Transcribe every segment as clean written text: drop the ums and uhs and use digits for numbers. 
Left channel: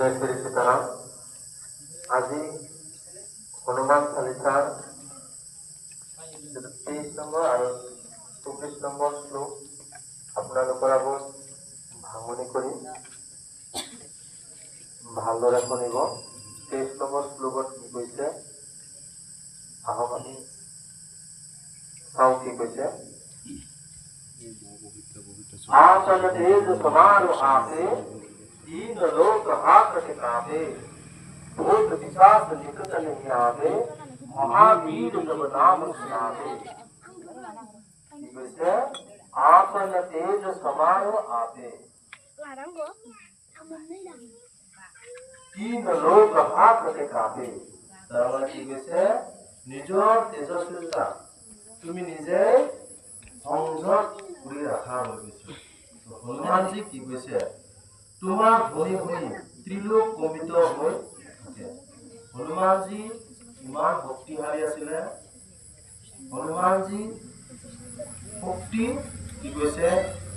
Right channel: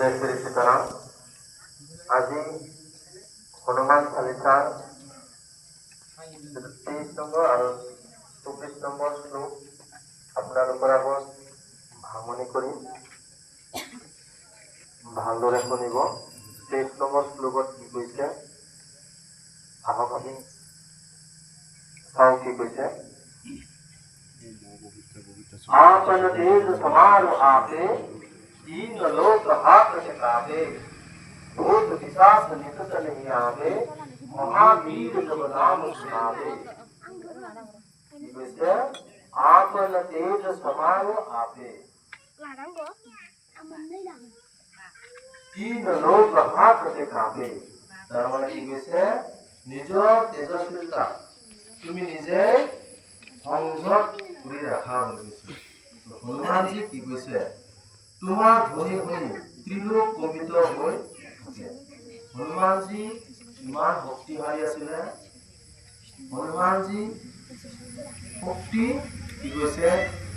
जय श्री सीताराम। আজি হনুমান চালিসাৰ 23 নম্বৰ আৰু 24 নম্বৰ শ্লোক আপোনালোকৰ আগত ভাঙনি কৰি ভালদৰে শুনিব। 23 নম্বৰ শ্লোকত কি কৈছে আহক আমি চাওঁ কি কৈছে। आपन तेज समारो आपे तीन लोक हाथ कापे भूत पिशाच निकट नहीं आवे महावीर जब नाम सुनावे। आपन तेज समारो आपे तीन लोक हाथ कापे তার মানে কি কৈছে নিজৰ তেজস্বিতা তুমি নিজে সংযত কৰি ৰাখা বুলি কৈছে। হনুমানজী কি কৈছে তোমাৰ ধ্বনি শুনি ত্ৰিলোক কম্পিত হৈ থাকে। হনুমানজী ইমান শক্তিশালী আছিলে। হনুমানজী শক্তি কি কৈছে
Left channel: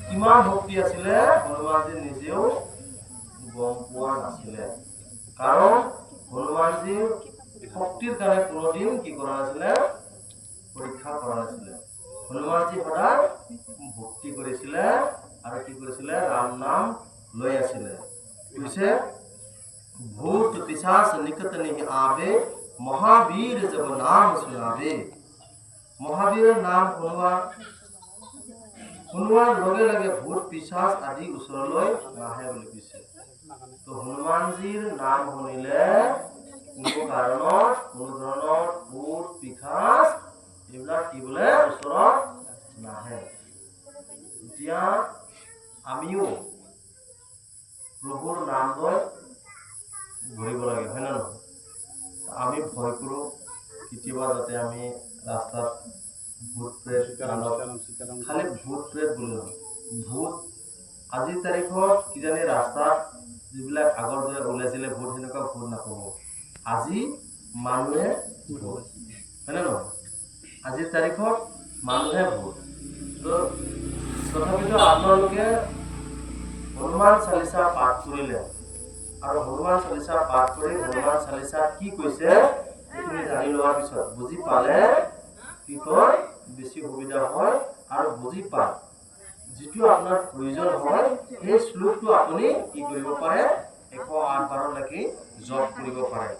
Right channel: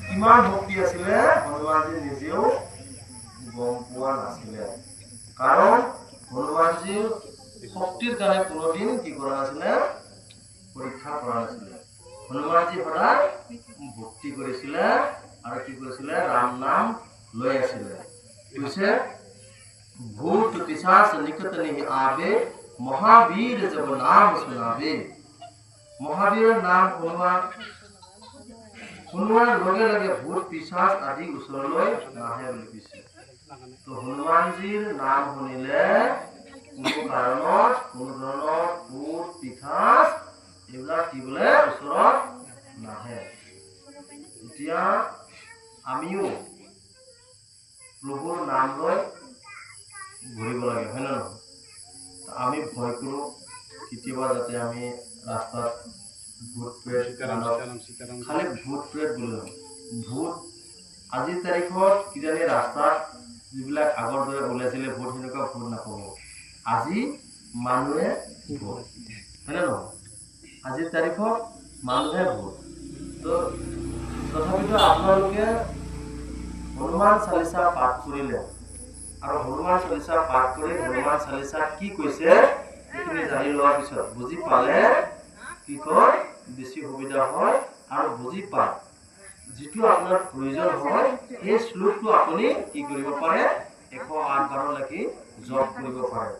কিমান শক্তি আছিলে হনুমানজী নিজেও গম পোৱা নাছিলে। কাৰণ হনুমানজীৰ শক্তিৰ কাৰণে কোনোদিন কি কৰা নাছিলে পৰীক্ষা কৰা নাছিলে। হনুমানজী সদায় ভক্তি কৰিছিলে আৰু কি কৰিছিলে ৰাম নাম লৈ আছিলে। কৈছে ভূত পিশাচ নিকট नहीं आवे महावीर जब नाम सुनावे। মহাবীৰৰ নাম শুনোৱাৰ লগে লগে ভূত পিশাচ আদি ওচৰলৈ নাহে বুলি কৈছে। তো হনুমানজীৰ নাম শুনিলে কোনো কাৰণত কোনো ধৰণৰ ভূত পিশাচ এইবিলাক কি বোলে ওচৰত নাহে। এতিয়া আমিও প্ৰভুৰ নাম লৈ ঘূৰিব লাগে, হয় না নহয়? আমি ভয় কৰোঁ কেতিয়াবা যাতে আমি ৰাস্তাত ভূত প্ৰেত খালি ভূত প্ৰেত বুলি নহয়, ভূত আজিৰ তাৰিখত কিজানি ৰাস্তাত যিবিলাক আগৰ দৰে ওলাইছিলে ভূত সেনেকুৱা ভূত নাপাব। আজি মানুহে ভূত, হয় না নহয়? আজিৰ তাৰিখত মানুহে ভূত। তো তথাপিতো আপোনালোকে হনুমান চালিচা পাঠ কৰিলে আৰু হনুমান চালিচা পাঠ কৰি হনুমান চালিচা কি কৈছে সেইখিনি জানি লোৱাৰ পিছত বুজি পালে কি কয় বেছি সুবিধা হয়। আৰু বুজি পায় যিটো আপোনাৰ প্ৰয়োজন হয় সেই শ্লোকটো আপুনি কি কৰিব পাৰে 108 বাৰলৈকে জপ কৰিব পাৰে।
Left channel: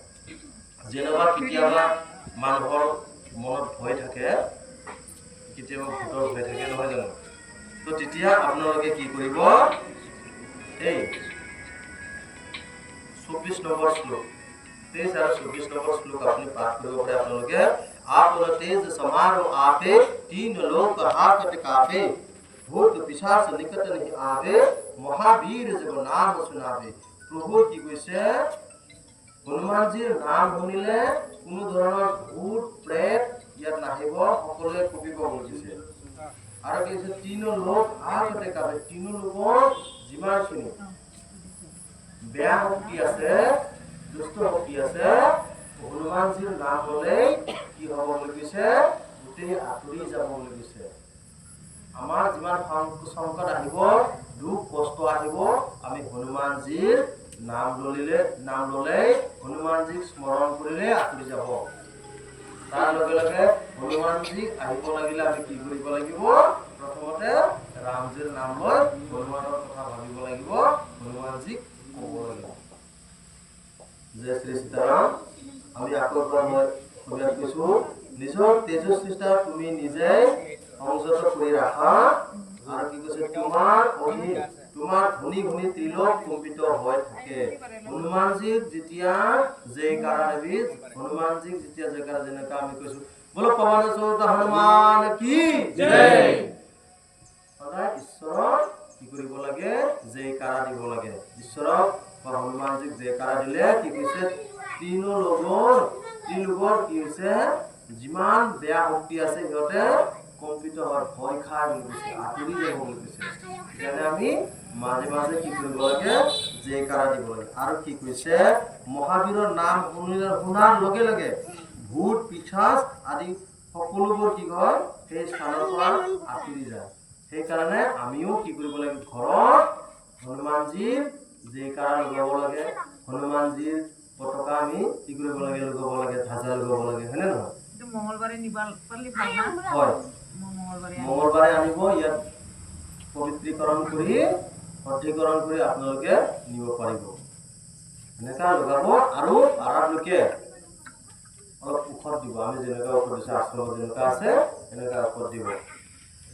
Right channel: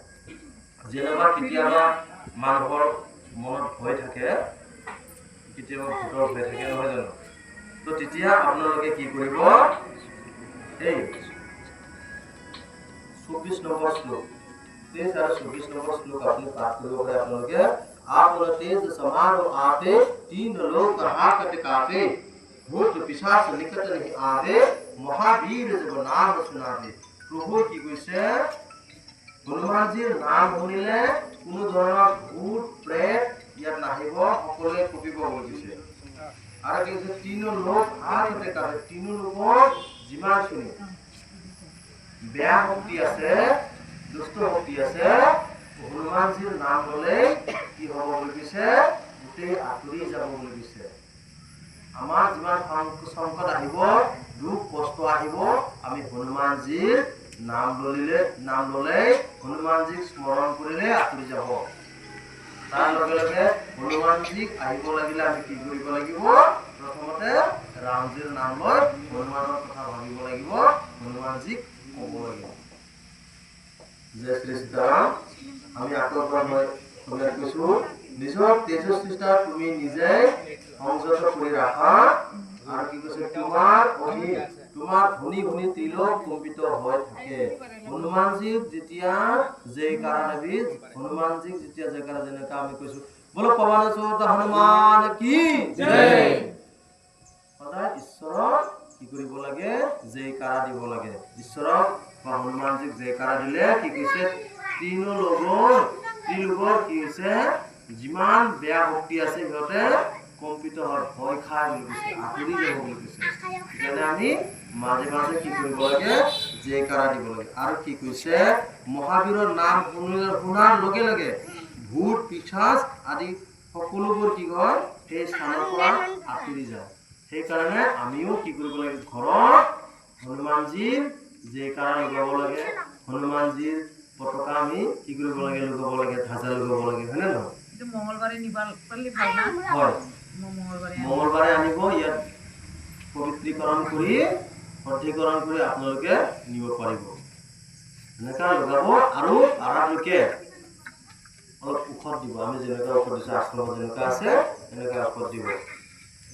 যেনেবা কেতিয়াবা মানুহৰ মনত ভয় থাকে, কেতিয়াবা ভূতৰ ভয় থাকে, নহয় জানো? তো তেতিয়া আপোনালোকে কি কৰিব এই 24 নম্বৰ শ্লোক 23 আৰু 24 নম্বৰ শ্লোক আপুনি পাঠ কৰিব পাৰে। আপোনালোকে आपन तेज समारो आपे तीन लोक हाथ कापे भूत पिशाच निकट नहीं आवे महावीर जब नाम सुनावे। প্ৰভু কি কৈছে হনুমানজীৰ নাম শুনিলে কোনো ধৰণৰ ভূত প্ৰেত ইয়াত নাহিব, সকলোৱে কঁপিব বুলি কৈছে। আৰু কি কৈছে তিন লোক হাতে কাপে, তিন লোকৰ যিমানখিনি বেয়া শক্তি আছে দুষ্ট শক্তি আছে হনুমানজীৰ নাম ল'লে কি হ'ব বুলি কৈছে গোটেই আঁতৰি যাব বুলি কৈছে। আমাৰ যিমান সংকট আহিব দুখ কষ্ট আহিব আমি হনুমানজীৰ নাম ল'লে হনুমানজীক স্মৰণ কৰিলে আঁতৰি যাব। তাৰ লগে লগে হনুমানজীক আহিব লাগিলে আমি কি কৰিব লাগিব প্ৰথমতে ৰামজীৰ নাম লৈ হনুমানৰ কথা ভাবিব লাগিব, হনুমানজীক ক'ব লাগিব। জয় শ্ৰী সীতাৰাম। আমি আকৌ এবাৰ মই অসমীয়াত কৈছোঁ নিজৰ তেজস্বিতা তুমি নিজে সংযত কৰি ৰাখা আৰু কি কৈছে তোমাৰ ধনী শুনি ত্ৰিলোক কম্পিত হৈ থাকে। হনুমানজীক যেতিয়া জয়কাৰা দেৱী হনুমানজীক যেতিয়া জয়কাৰা যেনেকৈ আমি কৈছোঁ বলো পৱন হনুমান কি জয়। সদায় ঈশ্বৰক কি কৰিব লাগে জয়কাৰা দিব লাগে। ঈশ্বৰক বা হনুমানজীক জয়কাৰা দিলে কি কৈছে ত্ৰিলোকৰ কি হৈছে যিমান বেয়া শক্তি আছে সিহঁতে কম্পিত হয়, ভয় খায় বুলি কৈছে, আঁতৰি যাব বুলি কৈছে। সেইকাৰণে আমি মাজে মাজে কি কৰিব লাগে জয়কাৰা দিব লাগে। আৰু কি কৈছে মহাবীৰৰ নাম শুনাৰ লগে লগে ভূত পিশাচ আদি সকলোবোৰ কি হয় সেই স্থানৰ পৰা আঁতৰি যায়। সেইকাৰণে আমিও কি কৰিব লাগে ঘৰত হনুমানজীৰ জয়কাৰা লগাব লাগে। হনুমানজীৰ পতাকা আমি কি কৰিব লাগে, লগাব লাগে, ধ্বজা লগাব লাগে, হয়নে নহয়? এইটো মঙ্গলবাৰে নিবাল পালি ভাল না? হয়, মঙ্গলবাৰে মঙ্গলবাৰে আনিব, ইয়াত পবিত্ৰীকৰণ কৰি শুদ্ধিকৰণ কৰি আপোনালোকে নিব পাৰিব। এনেকা লগাব আৰু পাৰাত লোকে অলপ ঔষধ দিব। আমি যেনেকুৱা ঔষধ দিছোঁ, আশ্ৰমত যেনেকুৱা আছে এনেকুৱা ঔষধ দিব,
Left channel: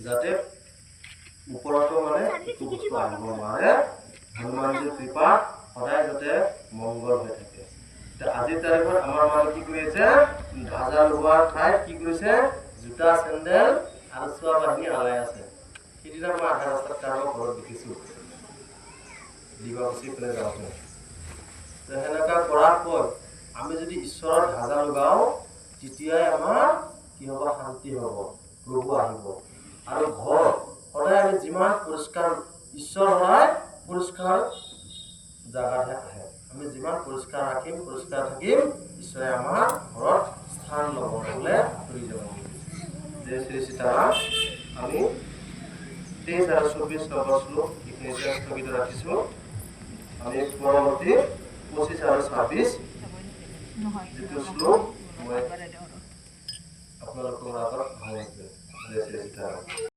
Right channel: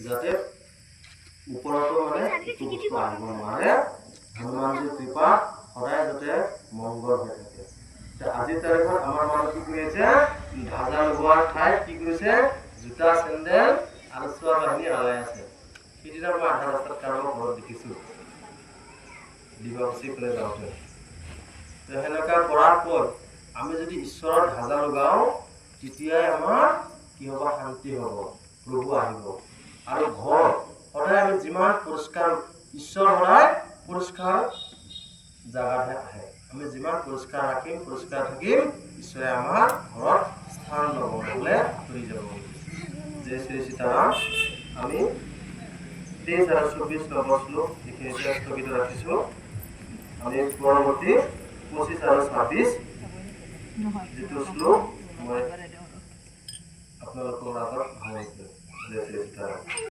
যাতে ওপৰতো মানে একো বস্তু আহিব নোৱাৰে। হনুমানজীৰ কৃপা সদায় যাতে মংগল হৈ থাকে। আজিৰ তাৰিখত আমাৰ মানুহ কি কৰি আছে, ধ্বজা লগোৱাৰ ঠাইত কি কৰিছে, জোতা চেণ্ডেল আৰু চোৱা বাহিনী আলাই আছে। সিদিনা মই আধা ৰাস্তাত কাৰোবাৰ ঘৰত দেখিছোঁ, দিবাকুচি ফালে যাওঁতে। তো সেনেকুৱা কৰাৰ পৰ আমি যদি ঈশ্বৰৰ ধ্বজা লগাওঁ, তেতিয়াই আমাৰ কি হ'ব, শান্তি হ'ব, প্ৰভু আহিব। আৰু ঘৰ সদায় আমি যিমান পৰিষ্কাৰ, ঈশ্বৰ সদায় পৰিষ্কাৰ জাগাতহে আহে। আমি যিমান পৰিষ্কাৰ ৰাখিম, পৰিষ্কাৰ থাকিম, ঈশ্বৰে আমাৰ ঘৰত স্থান ল'ব, নহ'লে আঁতৰি যাব। জয় শ্ৰী সীতাৰাম। আমি 23 আৰু 24 নম্বৰ শ্লোক এইখিনিতে স্থগিত ৰাখিছোঁ। আমি পৰৱৰ্তী 25 আৰু 26 যিটো শ্লোক মই আপোনালোকৰ আগত সামৰিছোঁ। জয় শ্ৰী সীতাৰাম।